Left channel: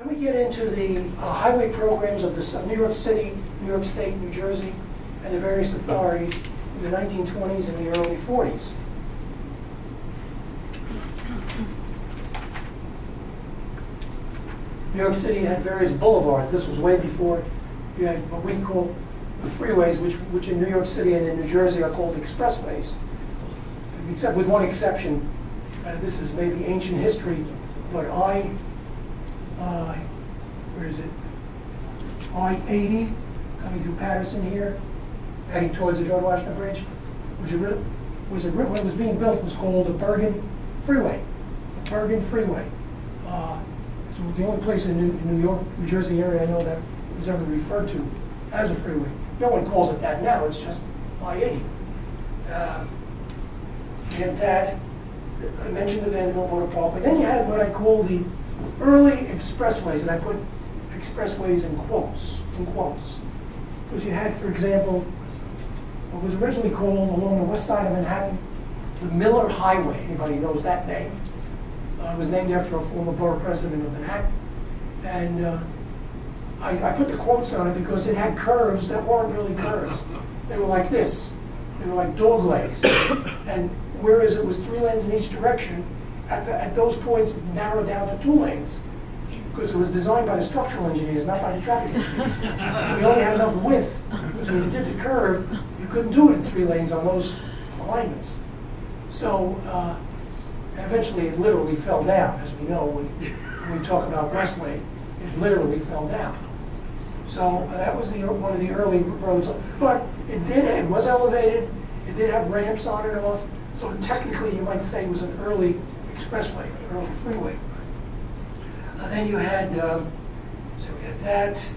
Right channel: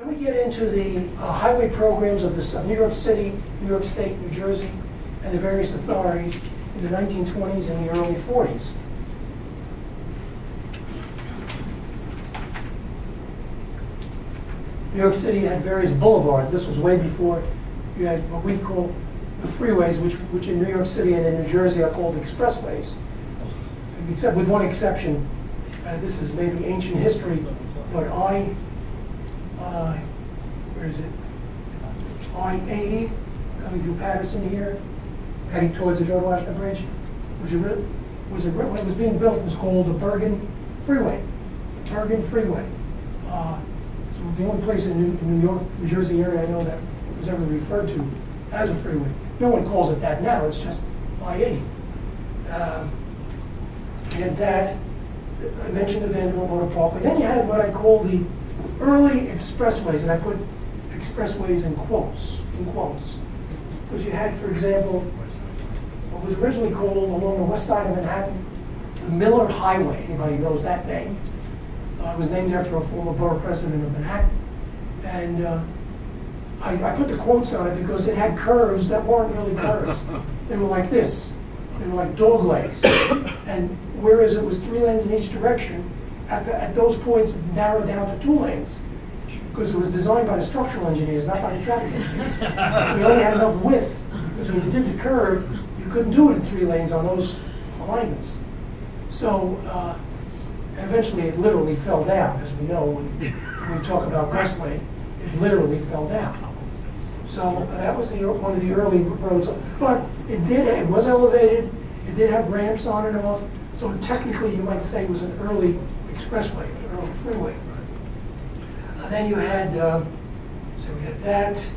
Then we get into the highway programs of New York City, New York State, New Jersey, and the various authorities in the 1920s and the early 40s. New York City had various boulevards. This was way before you had what we call the freeways, which in New York City and in New Jersey are called expressways. Except with one exception, this is maybe ancient history, but where is it? I-80 coming through Patterson here, heading towards the George Washington Bridge, when it was being built, it was called the Bergen Freeway. Bergen Freeway. So the only place in New York, New Jersey area I know that was ever referred to as a freeway. No one calls it that now, it's just I-80. And that, I mentioned the Vanderbilt Motor Parkway. Then you had what I call the early expressways, and I put expressways in quotes. Because you had, for example, what was originally called along the west side of Manhattan, the Miller Highway. Anybody knows that name? It was named after a former borough president of Manhattan. And I put the quotes on it because it had curves that weren't really curves. They were like this. They were like dog legs. And whereas it was 3 lanes in each direction, at those points it narrowed down to 2 lanes. Because it was designed by the structural engineers, not by the traffic engineers. We only had enough width. Because when you did the curve, you couldn't do it in 3 lanes on those alignments. So, eventually it literally fell down, as we know when we talk about Westway, it literally fell down. So that was one of the early roads, but it was elevated, it did have ramps on and off, so technically you might say it was an early expressway, an early freeway. Then you had, so we had that.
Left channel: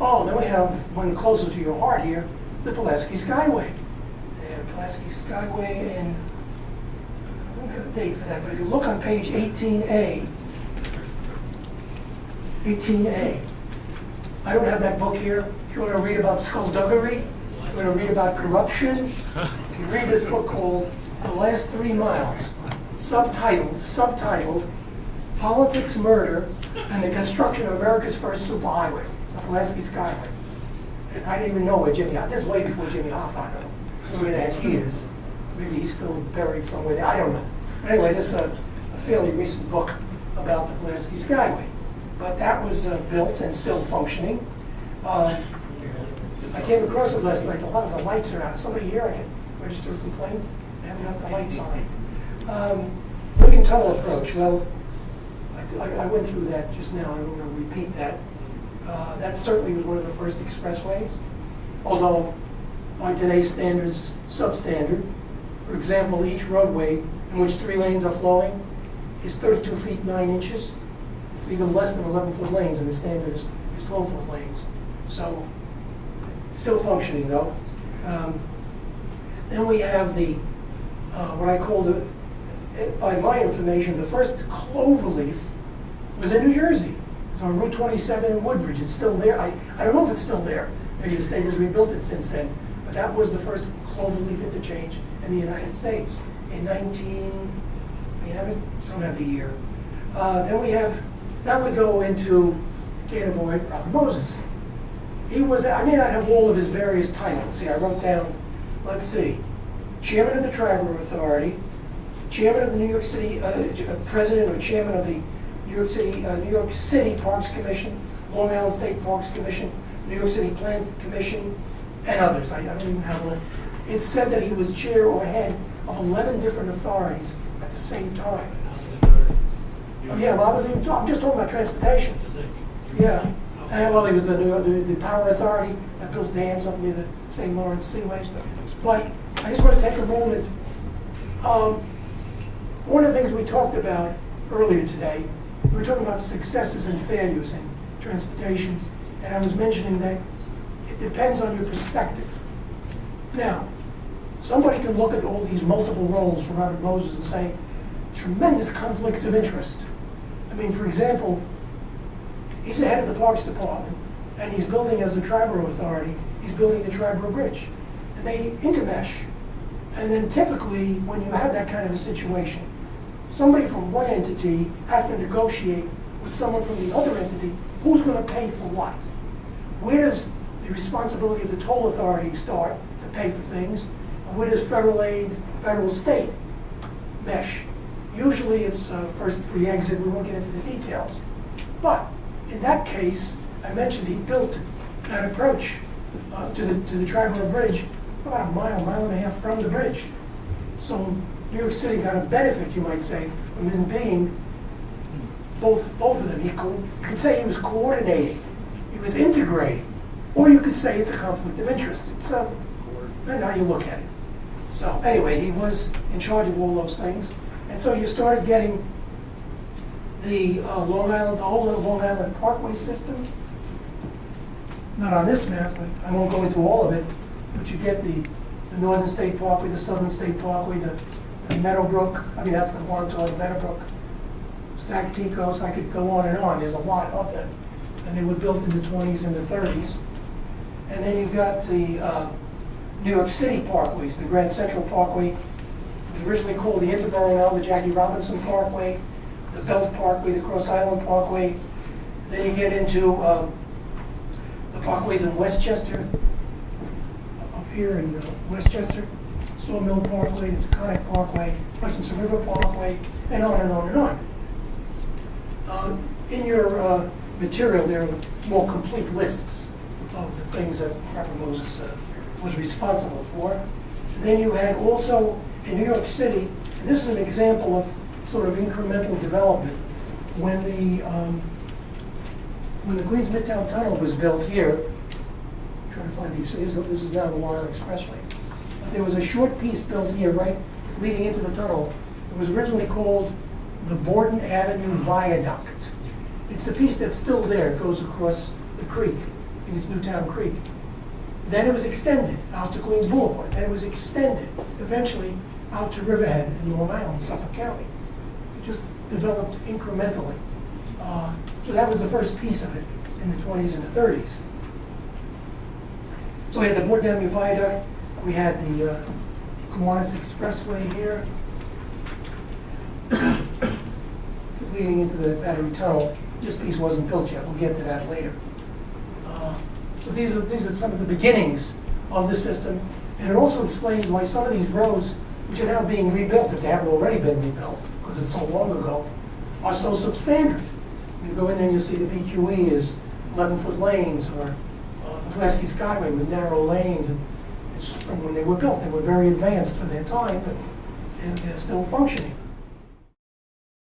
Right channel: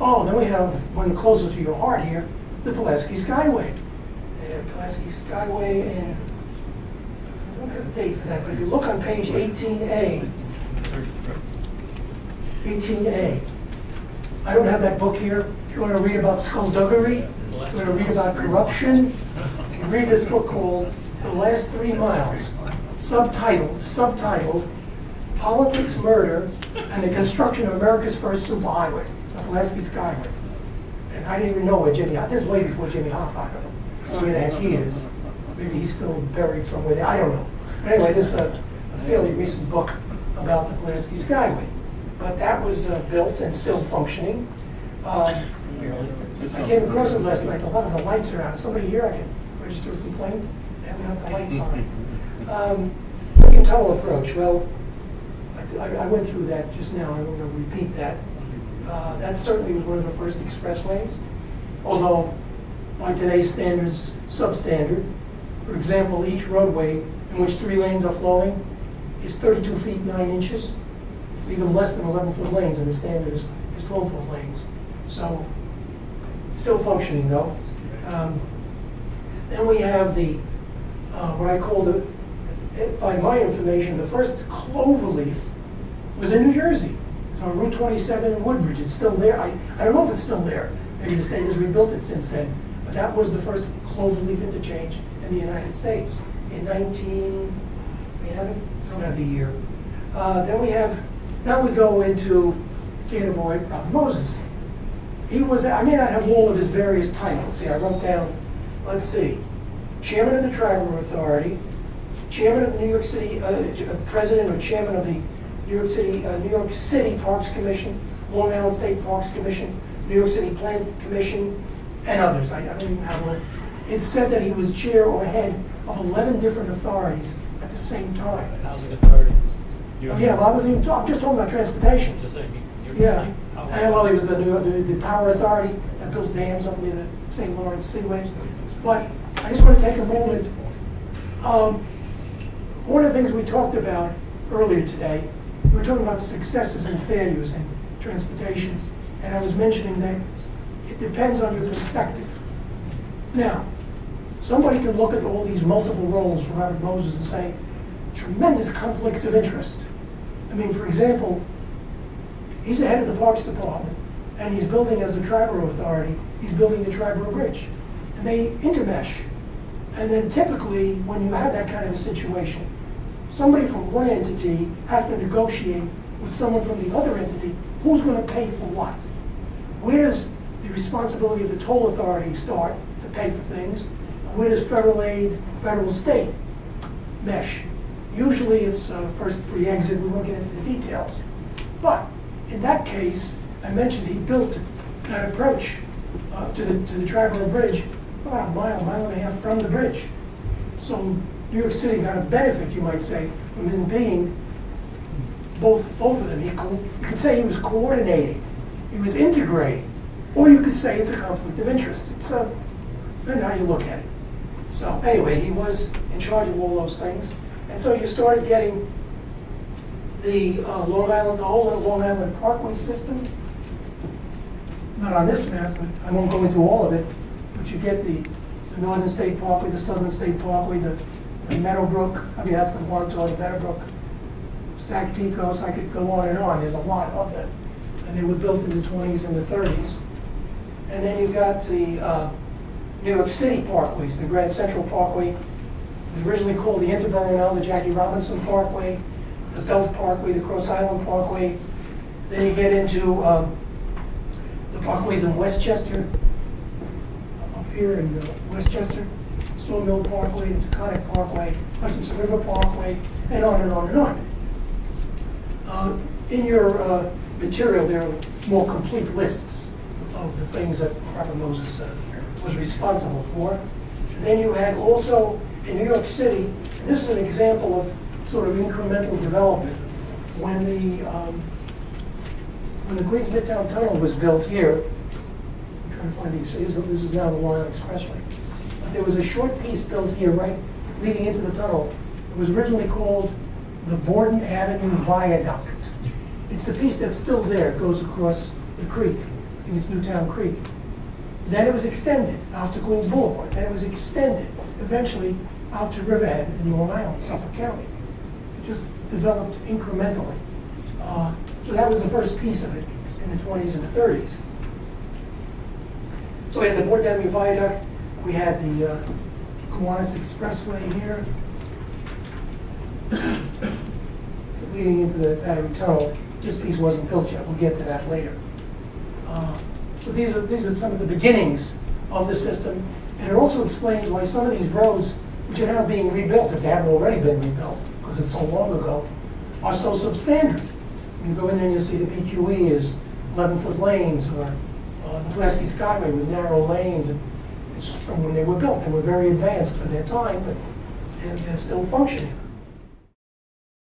Oh, then we have one closer to your heart here, the Pulaski Skyway. And Pulaski Skyway in, I don't have a date for that, but if you look on page 18A, I don't have that book here. If you want to read about skullduggery, if you want to read about corruption, you read this book called The Last 3 Miles, subtitled Politics, Murder, and the Construction of America's First Superhighway, the Pulaski Skyway. And I didn't even know where Jimmy Hoffa, this is way before Jimmy Hoffa, I don't know where the heck he is. Maybe he's still buried somewhere there, I don't know. But anyway, this is a fairly recent book about the Pulaski Skyway. But that was built and still functioning. I came across it last night, a lot of the lights are out. Somebody here I can register complaints, they haven't got the lights on. Lincoln Tunnel approach, well, I went through that just now, I'm going to repeat that. That certainly was one of the first expressways, although by today's standards, substandard. For example, each roadway in which 3 lanes are flowing is 32 feet 9 inches. It's even less than 11-foot lanes, and the standard is 12-foot lanes. So, still functioning though. Then we have the, what I call by my information, the first cloverleaf was in New Jersey. It's on Route 27 in Woodbridge. It's still there. I don't know if it's still there. Maybe the state has rebuilt it since then. But that was the first cloverleaf interchange in the United States in we don't have the year. Then we have, now we go into, can't avoid Robert Moses. He was, I may not have all of his various titles. See, I wrote down, let's see, Chairman of the Tribal Authority, Chairman of the New York City, President or Chairman of the New York City Parks Commission, Long Island State Parks Commission, New York City Plan Commission, and others. I don't even have one. It said that he was chair or head of 11 different authorities at the same time. Housing authority. Yeah, well, I'm just talking about transportation. Yeah. And well, he was the power authority that built dams up near the St. Lawrence Seaways. But I just want to take a moment. One of the things we talked about earlier today, we were talking about successes and failures in transportation. And I was mentioning that it depends on your perspective. Now, somebody can look at all these multiple roles for Robert Moses and say, tremendous conflicts of interest. I mean, for example, he's the head of the Parks Department, and he's building as a Triborough authority, he's building the Triborough Bridge. And they intermesh. And then typically, when you have that kind of a situation, somebody from one entity has to negotiate with someone from the other entity, who's gonna pay for what? Where does the responsibility of the toll authority start to pay for things? And where does federal aid, federal state mesh? Usually it's first pre-exit, we won't get into the details. But in that case, I mentioned he built that approach to the Triborough Bridge about a mile and a half from the bridge. So New York City got a benefit, you might say, from him being both of them. You could say he was coordinating, he was integrating, or you could say it's a conflict of interest. It's depends how you look at it. So anyway, he was in charge of all those things. And so you started getting the Long Island, the whole Long Island Parkway system. It's not on this map, but I won't go into all of it. But you get the Northern State Parkway, the Southern State Parkway, the Meadowbrook. I mean, that's the one toward Meadowbrook. Sacticos, I could go on and on. There's a lot of them. And they were built in the 20s and the 30s. And then you got the New York City parkways, the Grand Central Parkway. It was originally called the Interborough, now the Jackie Robinson Parkway, the Belt Parkway, the Cross Island Parkway. Then you get into the parkways in Westchester, up here in Westchester, Sawmill Parkway, the Taconic Parkway, Hutchinson River Parkway, and on and on and on. In your material, there are more complete lists of the things that Robert Moses was responsible for. And then you had also in New York City, and this is an example of sort of incremental development. When the Queens Midtown Tunnel was built here, I'm trying to find these, so this is now the Long Island Expressway. There was a short piece built here, right, leading into the tunnel. It was originally called the Borden Avenue Viaduct. It's the piece that's still there. It goes across the creek. I think it's Newtown Creek. Then it was extended out to Queens Boulevard. Then it was extended eventually out to Riverhead in Long Island, Suffolk County. It just developed incrementally. So that was the first piece of it in the 20s and the 30s. So we had the Borden Avenue Viaduct. We had the Kiwanis Expressway here, leading into the Battery Tunnel. This piece wasn't built yet. We'll get to that later. So these are some of the beginnings of the system, and it also explains why some of these roads, which are now being rebuilt, if they haven't already been rebuilt, because it's so long ago, are so substandard. You go in there and you'll see the BQE is 11-foot lanes, or the Pulaski Skyway with narrow lanes. And it's from when they were built. They were very advanced for their time, but they're still functioning.